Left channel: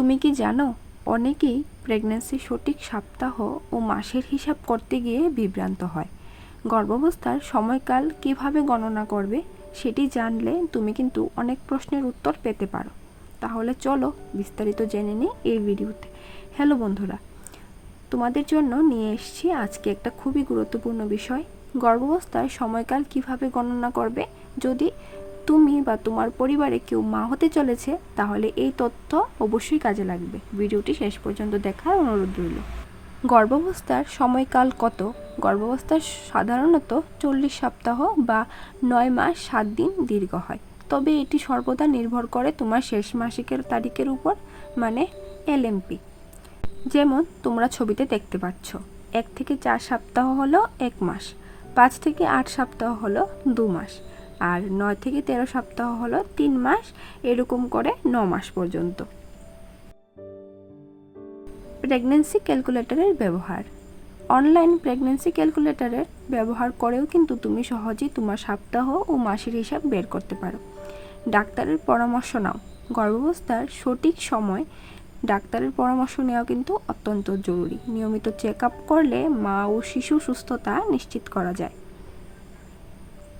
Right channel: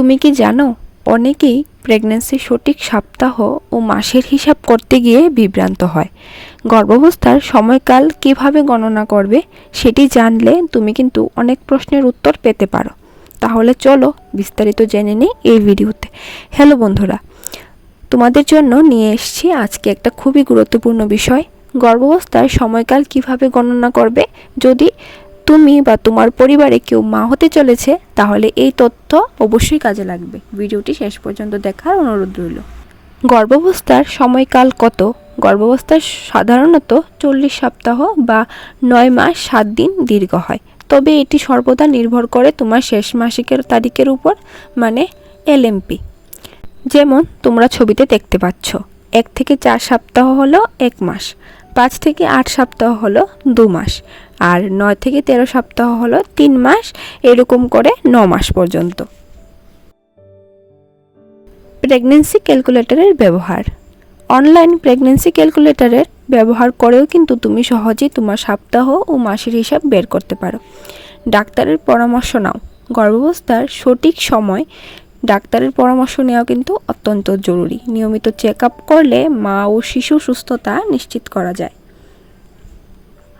তুমি কি জানো, অনেকেই প্রেগন্যান্সির সঠিক সপ্তাহ ও মাসের হিসাব করতে গিয়ে বিভ্রান্ত হয়। গর্ভাবস্থার সময়কাল কীভাবে গণনা করবে সেটি জানলে তুমি কিন্তু অনেক প্রশ্নের উত্তর পেতে পারো। তাহলে চলো বিস্তারিত জেনে নিই এই ভিডিওতে। হ্যালো বন্ধুরা, তোমাদের জন্য নিয়ে এসেছি আজকে একটা খুবই গুরুত্বপূর্ণ বিষয়। গর্ভাবস্থার সময়কাল কীভাবে গণনা করবে? যদি তুমি বা তোমার পরিবারে কেউ মা হতে চলেছে, তাহলে এই তথ্য অবশ্যই কাজে লাগবে। ভিডিওটি শেষ পর্যন্ত দেখার অনুরোধ রইল। গর্ভাবস্থার সময়কাল কত? গর্ভাবস্থার সাধারণত চল্লিশ সপ্তাহ বা নয় মাস সাত দিন দীর্ঘ হয়। তবে এটি সর্বদা নির্ভর করে তোমার শেষ মাসিকের তারিখের উপর মানে এলএমপি। যেমন, তোমরা ছবিতে দেখতে পাচ্ছ, এক থেকে চার সপ্তাহ হলো এক মাস, পাঁচ থেকে আট সপ্তাহ হলো দু মাস। আর নয় থেকে তেরো সপ্তাহ হলো তিন মাস, এরকম করে ন মাস পর্যন্ত। প্রেগনেন্সি ক্যালকুলেটরের ব্যবহার। অনলাইন প্রেগনেন্সি ক্যালকুলেটরের ব্যবহার করেও কিন্তু তুমি সহজেই তোমার সপ্তাহ ও মাসের হিসাব বের করতে পারো। ডাক্তারের পরামর্শ নাও। গর্ভাবস্থার সঠিক সময় ডাক্তারের পরামর্শ নেওয়া কিন্তু অত্যন্ত জরুরি। নিয়মিত চেক আপ করলে মা ও শিশু সুস্থতা নিশ্চিত করা যায়।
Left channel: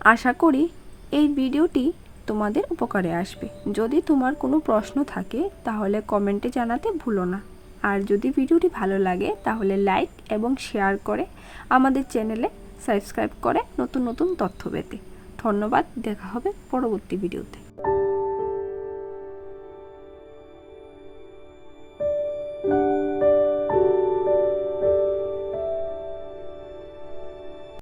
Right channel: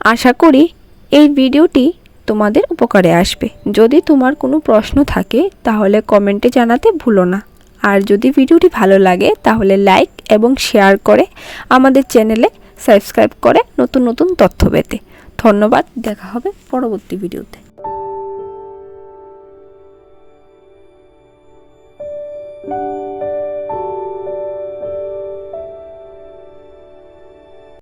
আশা করি এই ভিডিওটি তোমাদের উপকারে আসবে। যদি তোমার কোনো প্রশ্ন থাকে, তাহলে কমেন্টে জানাতে ভুলো না। আর যদি ভিডিওটি ভালো লাগে, তাহলে লাইক এবং শেয়ার করে আমাদের চ্যানেলে সাবস্ক্রাইব করে নতুন নতুন তথ্য পেতে। ধন্যবাদ, দেখা হবে পরবর্তী ভিডিওতে।